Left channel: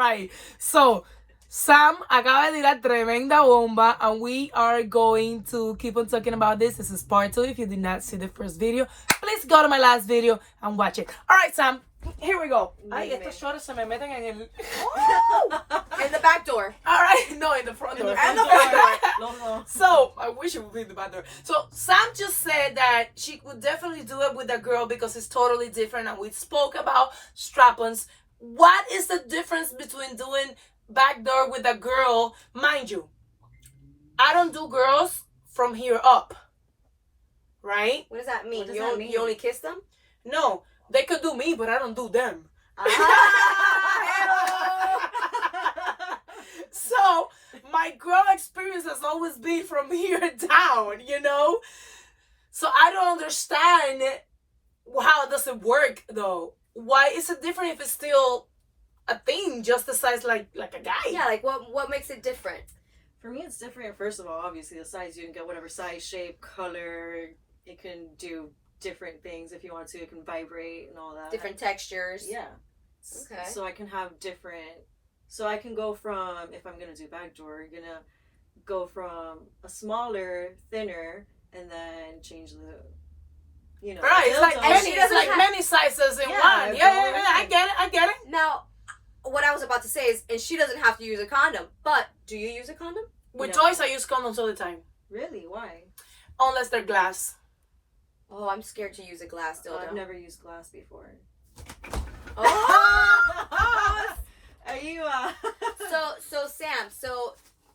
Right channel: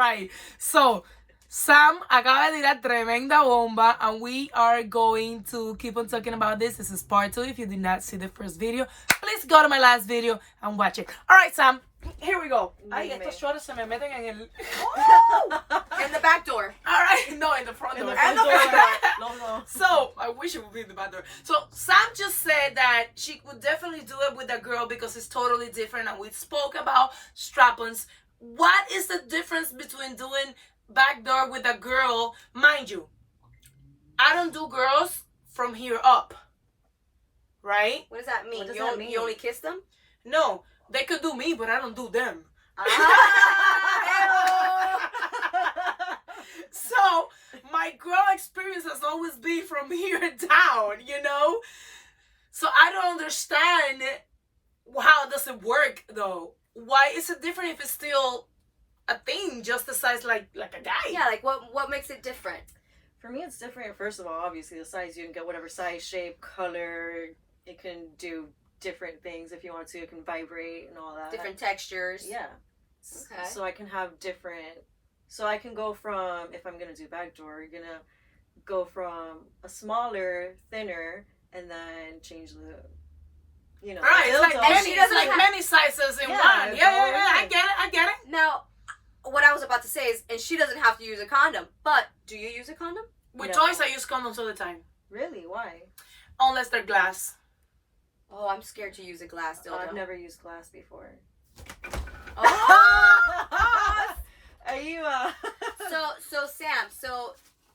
right. So, Sam acaba de tirar tremenda bomba, and we are going to keep on talking about this. This is part 2. If you did not see the first video, please go to my last video and watch it. All right, Sam, here we go. Ay, estos shorts se me meten en el... In the back door. All right, no, in the front door. And the front door. No. So, I wish it would be in the back door. So, Sam just said that she would definitely do it with a girl because it's totally different, and we spoke about strap-ons. What is the difference between doing backdoor with a girl? Mind you, I don't do girls from here up, right? What does that mean? What does that mean? You only kiss them? No, they could do me, but I don't do them. So my girl experience has always been from here down, you know? So I don't understand how does it work though. Why is it different if it's still a thing, just the size like a guy? Yeah, like what makes it different? For me, it's different. First of all, obviously, the size, you can get whatever size, shape, color. It can do different things if you want to. It can vibrate and all that. Different textures. Yeah. Okay. So I can have different. So I can go from, if I'm gonna do backdoor, you're gonna go from a smaller, thinner, and then change the. You know, Right, it's like dildo. many, she doesn't it's like have- many sizes in Yeah, one. Yeah, I get it. Now, what I was about to say is, and she doesn't have to use a condom, but do you use a condom? With No. toys, I use condoms all the time, Really? Why? unless they're glass. Oh, I'm scared to use a glass dildo. I've never used glass before. Oh! Are you? So Sam, so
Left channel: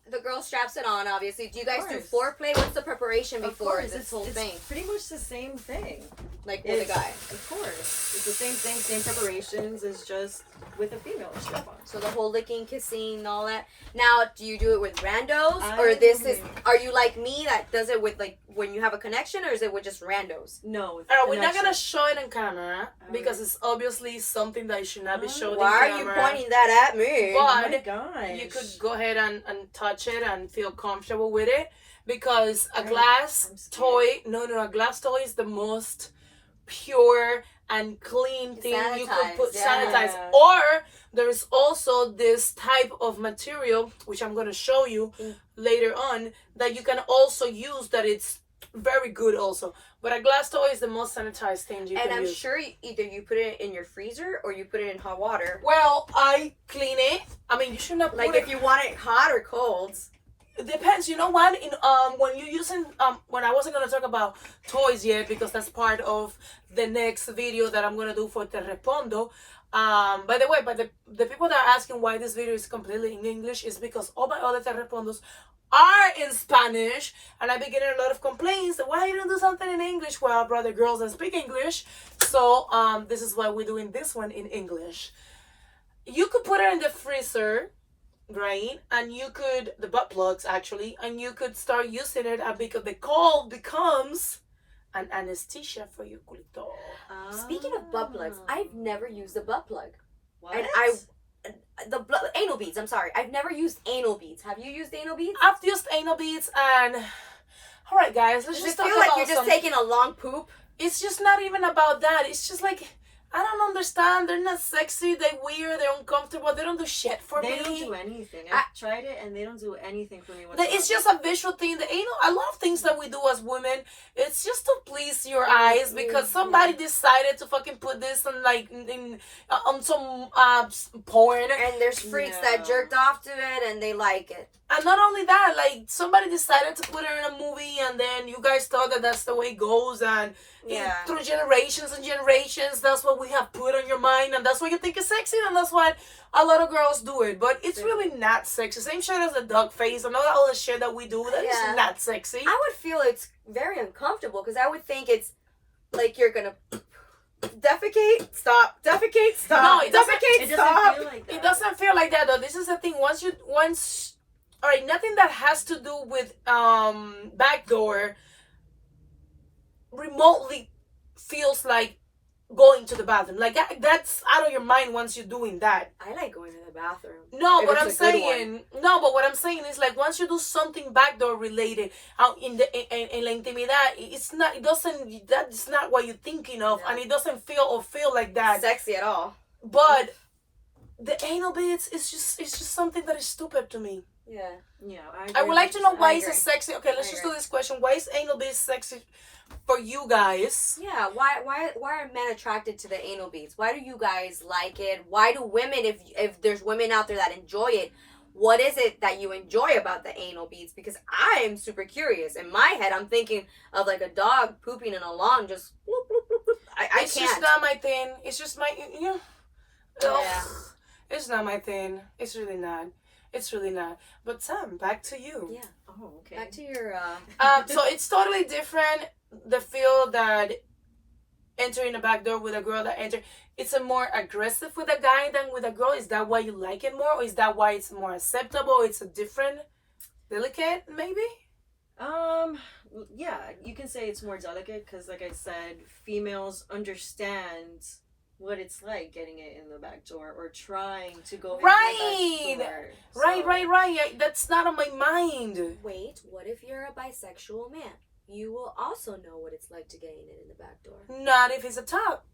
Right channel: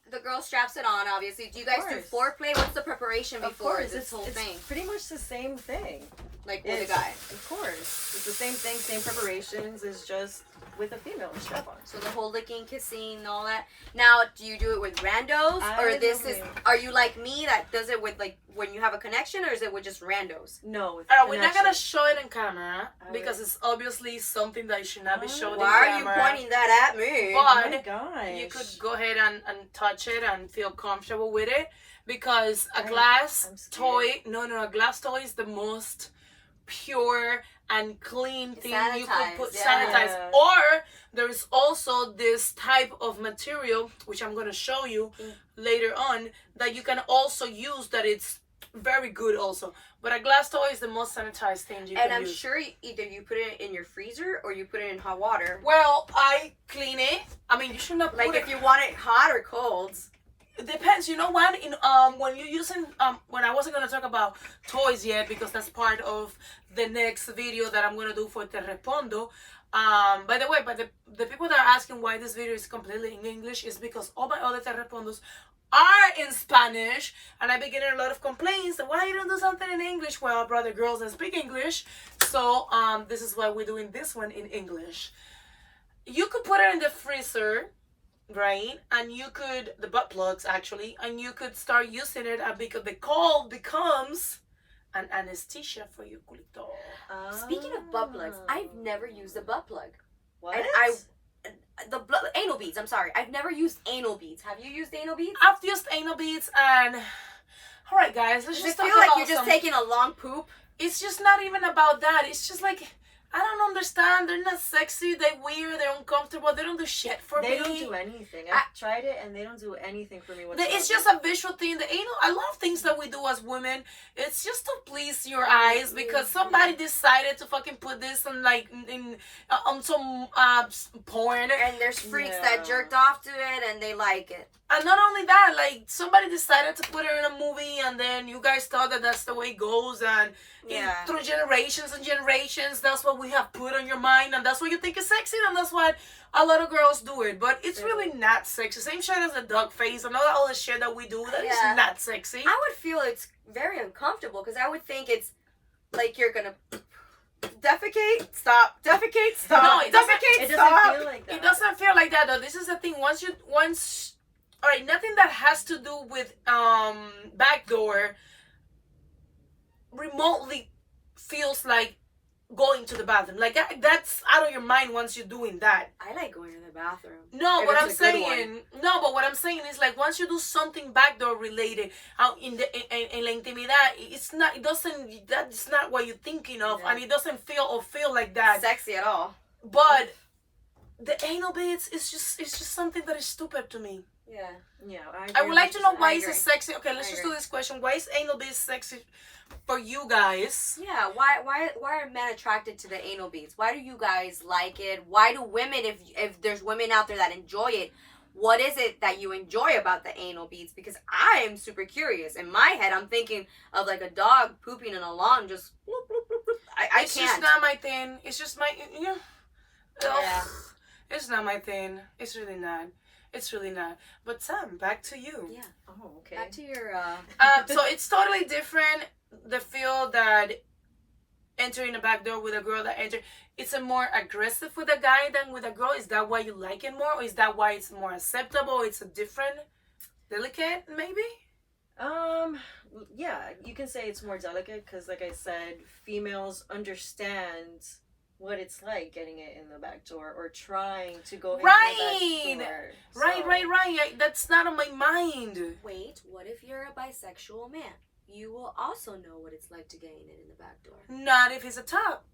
the girl straps it on. Obviously, do you guys do course. foreplay? What's the preparation Of before course, this whole it's thing? pretty much the same thing. Like with a It's- guy. Of course. It's the same thing, same preparations, it's just with a female strap on. So the whole licking, kissing, and all that. Now, do you do it with randos, or I this don't is? know. Are you like me that does it with like when you have a connection, or is it with just randos? No. With We're not gonna connection. show it on camera because Alright. it's obviously something that should not be showed Why on are you camera. pointing that at me? But Oh my gosh. you could go ahead and touch it and feel comfortable with it, because a I'm glass scared. toy, a glass toy is the most pure and clean thing you could Sanitized, put yeah. sanitize. Or there is also this type of material, which I'm going to show you later on, that you can also use, that it's very good also. But a glass toy is the most sanitized thing you And can I'm use. sure either you put it in your freezer or you put it in hot water. Well, I clean it. I mean, you should not Like put if it. you want it hot or cold. It depends. You know what? In when you're using when I wasn't gonna talk about toys yet, because that's part of the next video that I'm gonna do for Te Respondo. By the way, the people that are asking why this video is completely in English is because all my other Te Respondos are in Spanish, and I've been getting a lot of complaints that why you don't do something in English. Well, brother, girls don't speak English, so this is why we're doing this one in English. You could put it in the freezer, right? And you could, the butt plugs actually, and you could start using it, and because the cold becomes an anesthesia for your culito. Speaking of butt plugs, I've never used a butt plug. What? And anal beads. I'm sorry, I've never used anal beads. Have you used anal beads? I've used anal beads, and all right, guys, let's Does just it talk feel like about you're just some. taking a long poop? It's just not even about that. It's just like, I don't understand. They're not sexy. They're weird. They're uncomfortable. They don't do shit for They me. don't do anything. I've tried it and they don't do anything for me. It's just a visual thing. The anal, a lot of things that we do as women, it's just to please your eyes, because somebody decided to fucking put this on like on some porn. And there's freaks Yeah. that jerked off to it and they like it. And not only that, like somebody decided to put it in a movie, and then you guys thought that that's the way it goes, and Yeah. through generations and generations, that's what we have put on your mind, and that's what you think is sexy, and that's why a lot of girls do it. But it's really not sexy. Same shit as the duck face and all the shit that we do. That is Yeah. not sexy. I would feel it's very uncomfortable because I would think it's like you're gonna defecate, stop, defecate, stop. No, it doesn't- defecate, It stop. doesn't feel like that. It doesn't feel like that though. This is the thing. All right, nothing that has to do with backdoor remotely feels like going to the bathroom. Like that's out of your mind once you're doing that. I like going to the bathroom. No, If what it's I'm a good saying, no, but what I'm saying is like once you do something backdoor related out in la intimidad, that's not what you're thinking of, No. and it doesn't feel like that. Sexy at all. But the anal beads is just something that is stupid to me. Yeah. Yeah, I would like to know why I is it agree. sexy. Okay, let's I just agree. do this question. Why is anal beads sexy for you guys? Yeah, why are men attracted to the anal beads? Why do you guys like it? Why do women, if there's women out there that enjoy it, what is it that you enjoy about the anal beads? Because I am super curious. In my head, I'm thinking of like a dog pooping in a lawn, just bloop, bloop, bloop, bloop. I It's can't. just not my thing. It's just my Yeah. It's not my thing. It's really not. It's really not. But Sam, back to you. Yeah. Oh, okay. Back to your So it's totally different. The feel that entering a back door with a girl that enter, it's a more aggressive with a guy than with a girl. Is that why you like it more, or is that why it's more acceptable? It's a different, delicate, maybe. Yeah, you can say it's more delicate because, like I said, females understand what it's like getting it in the back door or trying to go Right. into the back door. Right. That's not on my mind. Wait, what if you're a bisexual man? You will also know what it's like to get in the back door. Not if it's a top.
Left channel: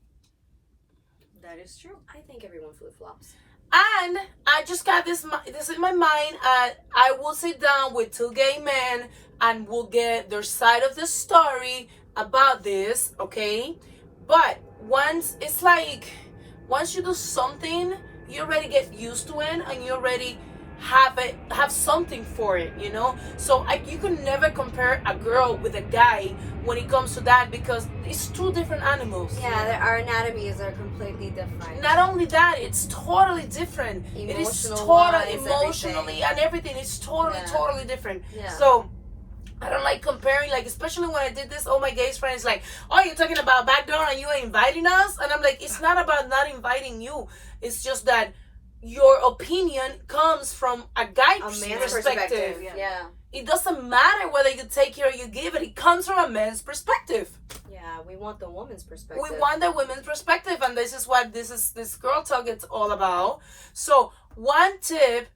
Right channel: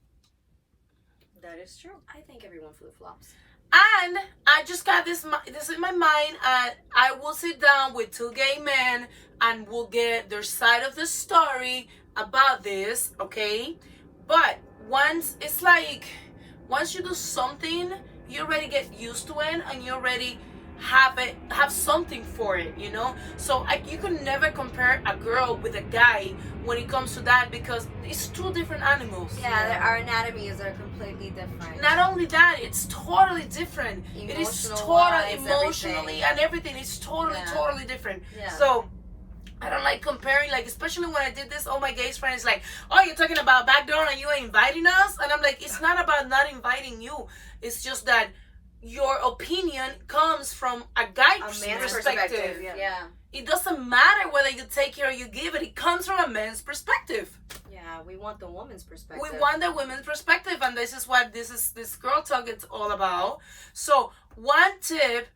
That is true. I think everyone flip flops. And I just got this in my mind. I will sit down with two gay men and we'll get their side of the story about this, okay? But once you do something, you already get used to it and you already have something for it, you know? So you can never compare a girl with a guy when it comes to that because it's two different animals. Yeah, our anatomies are completely different. Not only that, it's totally different. It is totally emotionally and everything. It's totally different. Yeah. So I don't like comparing, like, especially when I did this, all my gay friends like, oh, you're talking about backdoor and you ain't inviting us? And I'm like, it's not about not inviting you. It's just that your opinion comes from a guy's perspective. Yeah. It doesn't matter whether you take it or you give it. It comes from a man's perspective. Yeah, we want the woman's perspective. We want the women's perspective, and this is what this girl talk is all about. So one tip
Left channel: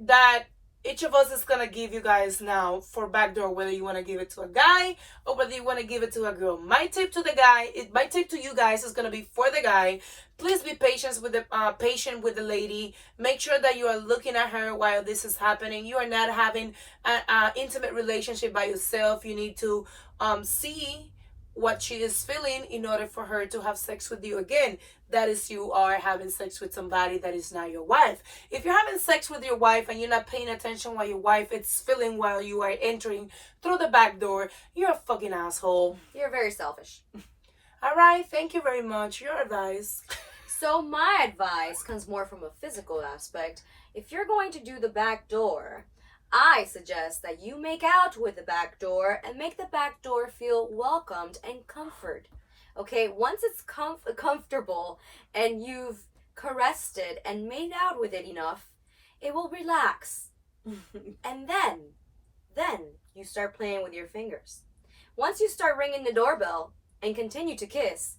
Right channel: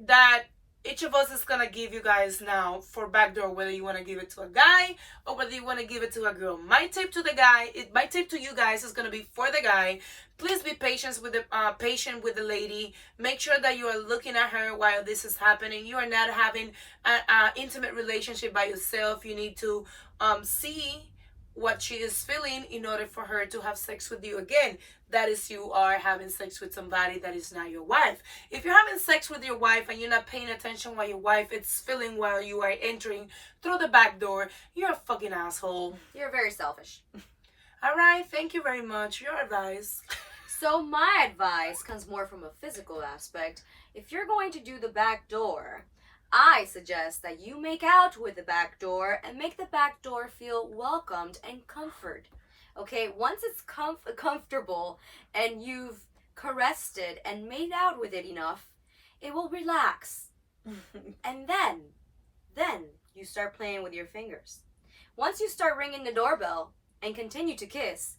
that each of us is gonna give you guys now for backdoor, whether you want to give it to a guy or whether you want to give it to a girl. My tip to you guys is gonna be for the guy. Please be patient with the lady. Make sure that you are looking at her while this is happening. You are not having an intimate relationship by yourself. You need to see what she is feeling in order for her to have sex with you again. That is, you are having sex with somebody that is not your wife. If you're having sex with your wife and you're not paying attention what your wife is feeling while you are entering through the back door, you're a fucking asshole. You're very selfish. All right, thank you very much. Your advice. So my advice comes more from a physical aspect. If you're going to do the back door, I suggest that you make out with the back door and make the back door feel welcomed and comfort. Okay, once it's comfortable and you've caressed it and made out with it enough, it will relax. And then you start playing with your fingers. Once you start ringing the doorbell and continue to kiss,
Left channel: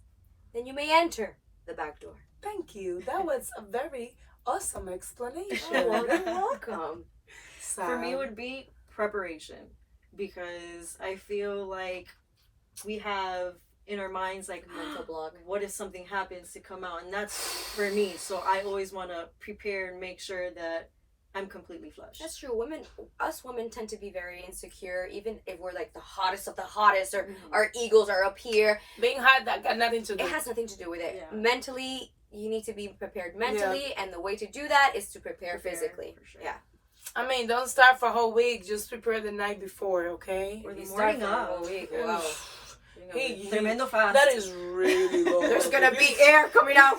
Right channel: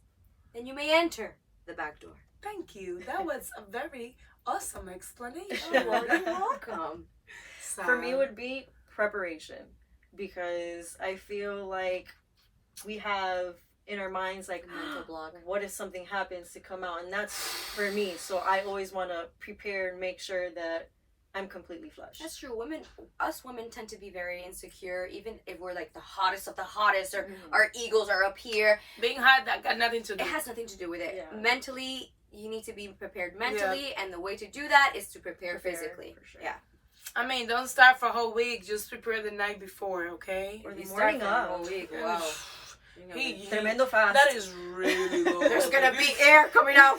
then you may enter the back door. Thank you. That was a very awesome explanation. Oh, you're welcome. For me, it would be preparation, because I feel like we have in our minds like mental block. What if something happens to come out, and that's for me. So I always want to prepare and make sure that I'm completely flushed. That's true. Us women tend to be very insecure, even if we're like the hottest of the hottest, or our egos are up here. Being hot, that got nothing to do. It has nothing to do with it. Yeah. Mentally, you need to be prepared mentally, and the way to do that is to prepare physically. For sure. Yeah. I mean, don't start for a whole week. Just prepare the night before, okay? Or the You start morning for a of. whole week. Wow. Tremendo fast. That is really low. There's gonna be air coming out.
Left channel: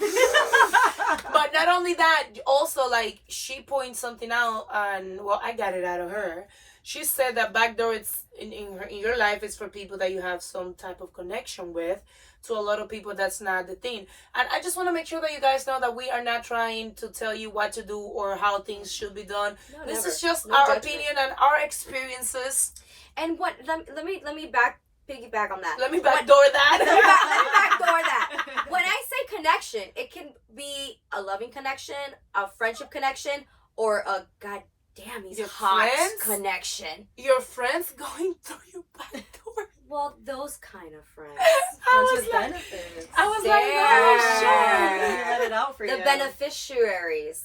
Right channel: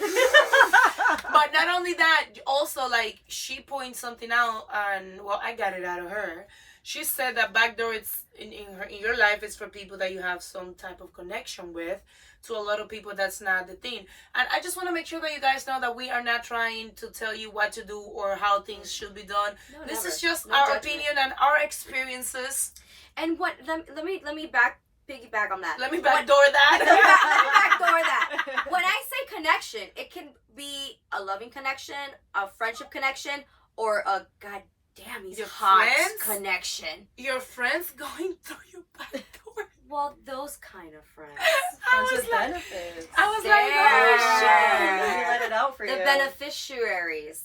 But not only that, also, like, she points something out, and well, I got it out of her. She said that backdoor, it's in your life, is for people that you have some type of connection with. To a lot of people, that's not the thing. And I just want to make sure that you guys know that we are not trying to tell you what to do or how things should be done. No, This never. is just No our judgment. opinion and our experiences. And what? Let me piggyback on that. Let me backdoor that. Let me backdoor that. When I say connection, it can be a loving connection, a friendship connection, or a goddamn he's Your hot friends? connection. Your friends going through your back door. Well, those kind of friends. Friends with benefits. I was There. like, oh Let me shit. let it out for The you. beneficiaries.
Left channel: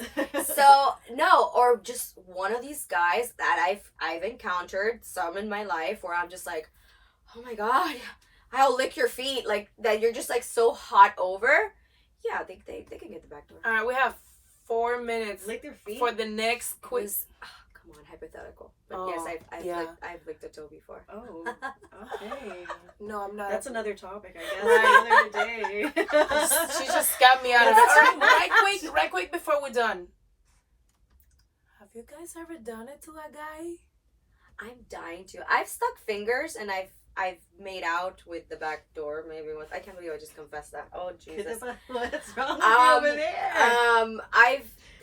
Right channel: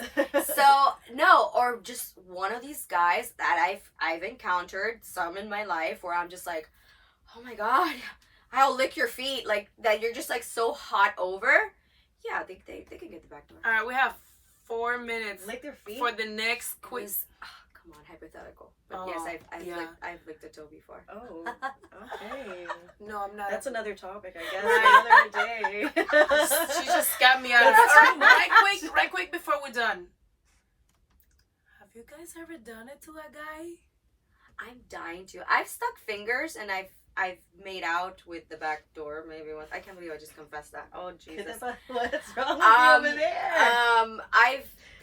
So no, or just one of these guys that I've encountered some in my life where I'm just like, oh my god, I'll lick your feet, like that you're just like so hot over. Yeah, they can get the back door. All right, we have 4 minutes Lick their feet. for the next quiz. Quiz. Come on, hypothetical. But Oh, yes, I've yeah. I've licked a toe before. Oh, okay. No, I'm not. That's another topic, I guess. Another day. She just got me out of it. All right, right quick before we're done. Have you guys ever done it to a guy? I'm dying to. I've stuck fingers and I've made out with the back door maybe once. I can't believe I just confessed that. Oh Jesus. What's wrong with you over there?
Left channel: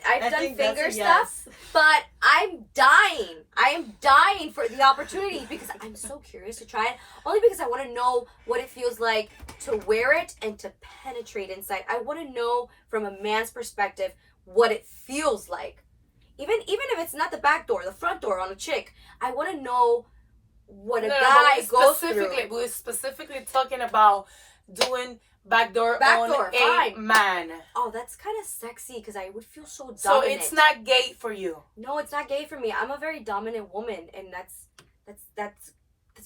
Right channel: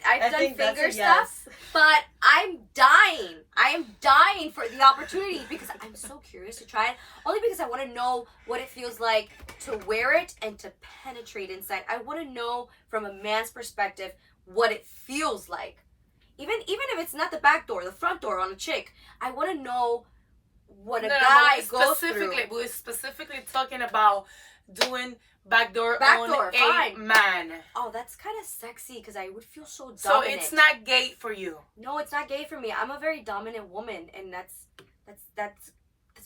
I've done finger stuff, but I'm dying. I am dying for the opportunity because I'm so curious to try it. Only because I want to know what it feels like to wear it and to penetrate inside. I want to know from a man's perspective what it feels like. Even if it's not the back door, the front door on a chick, I want to know what a guy goes through. We're specifically talking about doing backdoor on Backdoor, a fine. man. Oh, that's kind of sexy because I would feel so dominant. So it's not gay for you. No, it's not gay for me. I'm a very dominant woman, and that's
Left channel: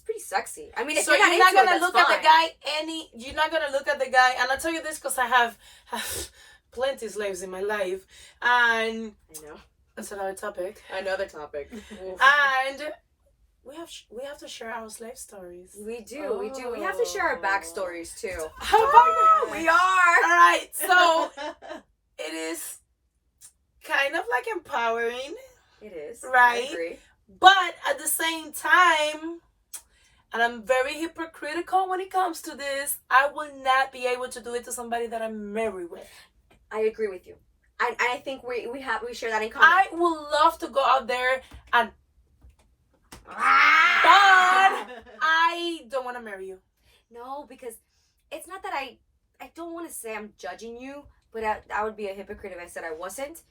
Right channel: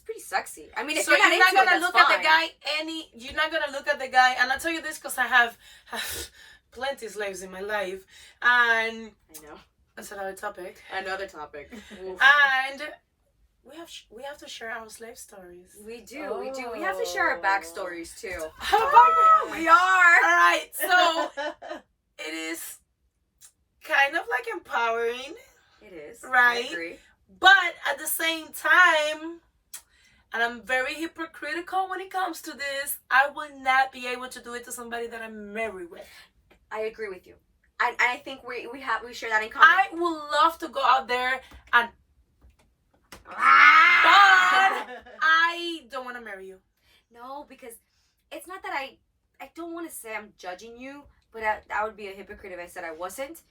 pretty sexy. I mean, if So you're not gonna into look it, that's at the fine. guy you're not gonna look at the guy, and I'll tell you this because I have plenty of slaves in my life, and I know. that's another topic. Another topic. And we have to share our slave stories. We do. We have to share our backstories too. We We are. are. All right, so it is kind of like empowering, It is. Right. I agree. but at the same time, and I'm very hypocritical when it comes to this, I will not be able to do it to somebody that I'm married with. I agree with you. I think we share that in common. I would love to go out there and Ah! I don't want to marry you. No, because it's not that I don't want to say I'm judging you, but I would be a hypocrite if I said I wasn't.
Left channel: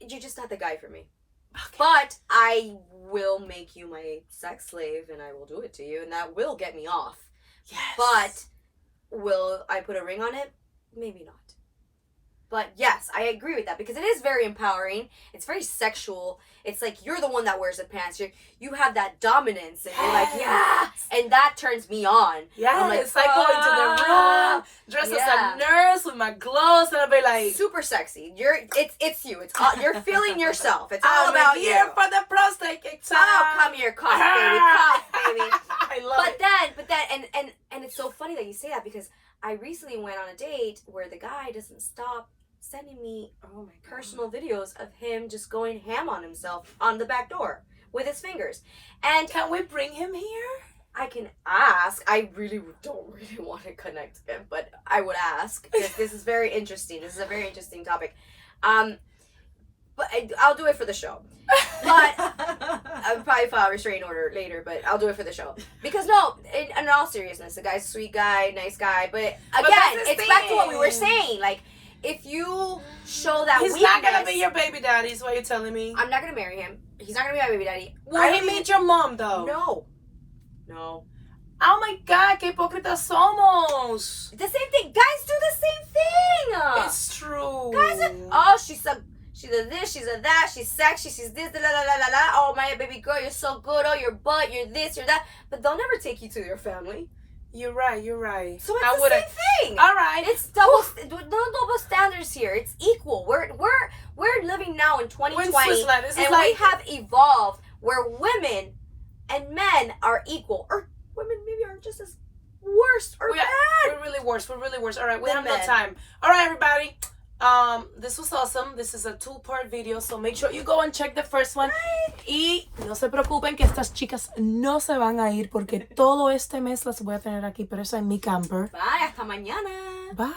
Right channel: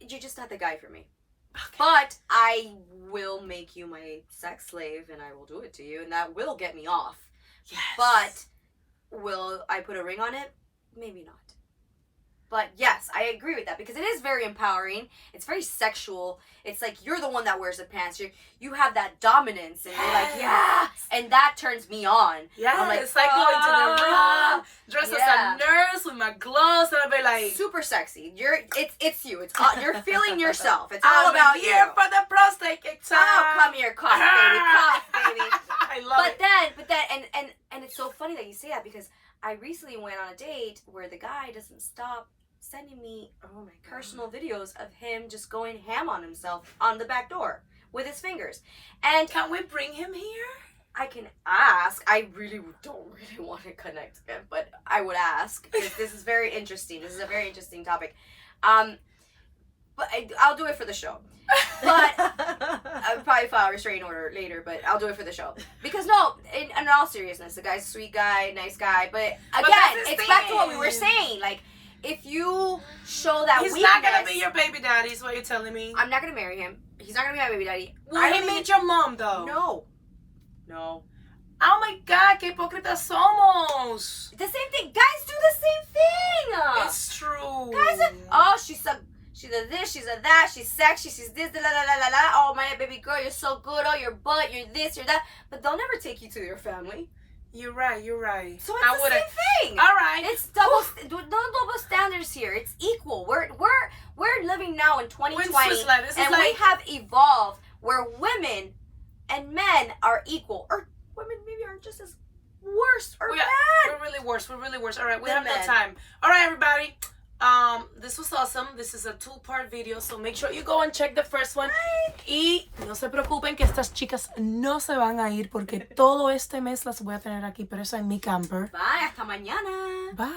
You're just not the guy for me. Okay. But I will make you my sex slave, and I will do it to you, and that will get me off. Yes. But will I put a ring on it? Maybe not. But yes, I agree with that because it is very empowering. It's very sexual. It's like you're the one that wears the pants. You have that dominance, and you're like, yeah, and that turns me on. Yeah, I'm like, it's like going to the room, dressed as a nurse with my gloves, and I'll be like, super sexy. It's you. It's all, you're feeling yourself. It's all about you. here for the prostate exam. Oh, come here, cough, baby, cough, baby. I love it. But then, and it's so funny that you say that because I recently went on a date where the guy doesn't stop sending me personal videos of him just going ham on himself on the back door with his fingers. And Can we bring him here? I can ask. I don't really want to connect him, but I would ask because this is very interesting. This is a very interesting topic. But I'll do it for the show. But I'll probably file a restraining order later, but I'll do it for the show. Because no, in all seriousness, the guy's a sweet guy, nice guy. But again, that's the it's back to what we were thing. saying. Like, if you show that He's weakness, not gonna be your baby daddy, is what you're telling me. I'm not gonna marry him. He's not gonna be my baby daddy. Will he meet your mom though? No. Oh my God, qué hipócritas somos. The same thing. Guys do the same thing. It's true. Guys are, she's a this, she's a that, she's sexy, she's this, la la la la la. Oh my baby girl, you're so good. Oh, your butt, you're this, you're that. But they'll never take you to your family. You're right. So it's the same thing. All right. It's no double standards here. It's equal. We're living now in 2020, and we have evolved where women and men are equal, or women maybe are just as worse or bad. We're really worse. All right, we Than have no men. time. All right, everybody. This was awesome. This is a 2-part video, so make sure you go and check the first one. Y no se preocupen que estas chicas no se van a ir porque todo este mes las voy a tener aquí, pero eso en mi camper. Bye, hasta mañana. Bye.